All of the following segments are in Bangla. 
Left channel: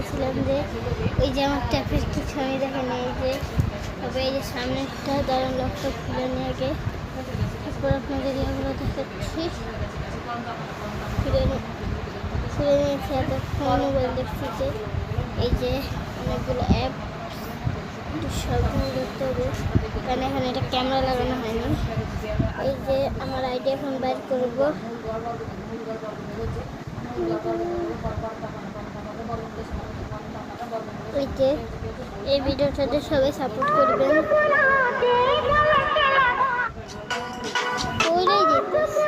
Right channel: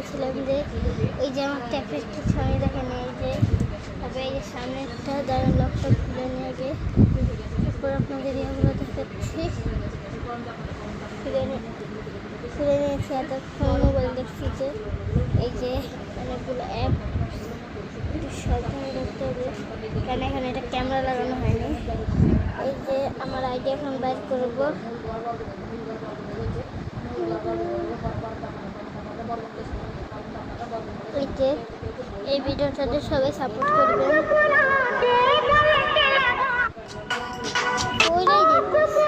দেখতেছিলাম যে ওই যে আমার ট্যাপের কিছু আমি দেখে নিই যে তারপরে এই যে সামনে একটা দারুণ লকটা খুলে নিয়ে আগে তারপর আপনাদের ইয়েগুলো দেখাচ্ছি। খুলে নিয়েছি এতক্ষণ মোবাইল দেখছি যে এই যে অনেকগুলো অ্যাপ সব দেখতে হবে কারণ এখানে এটা ক্যামেরা লাগানো হয়নি। এই যে আমার আইডি এখন বাইর করবো। এই যে এই ভিডিওটাতে সবাই সাপোর্ট করবেন। ওইটাই দেখতেছি।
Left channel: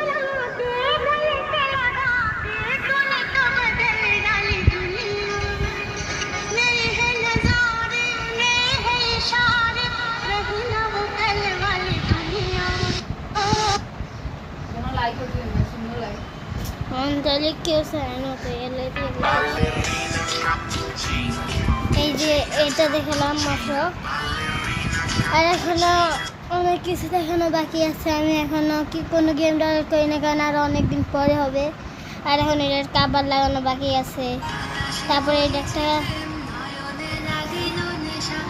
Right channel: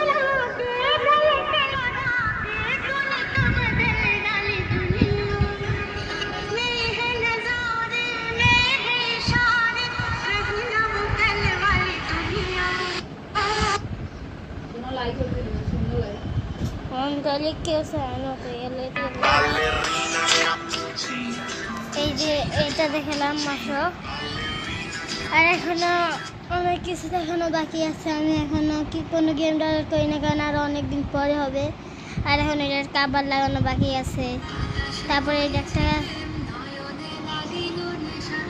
তাহলে কেউ চায় না তো এই যে এটা দেখালাম মাত্র আর এখনো অনেক কিছু দেখানো বাকি আছে। আমি এখনো কি কোনো গেম ডাউনলোড করি না কারণ আরো অনেকদিন পরে হবে। আর এখন এটার কাবার লাগানো বাকি আছে। তারপরে এটা একটা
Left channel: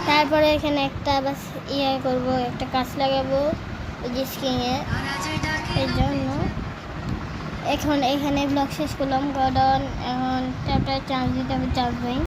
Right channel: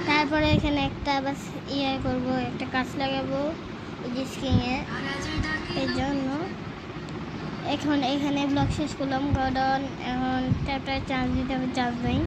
তারপরে এখানে একটা বাস ইয়ে করবো একটা কাজ লাগাবো এই যে স্ক্রিনে এর জন্য। এখন এখানে ব্লগ শেষ করলাম। গডন এখন ট্যাপটায় চার্জ দিতে হবে, চার্জ নেই।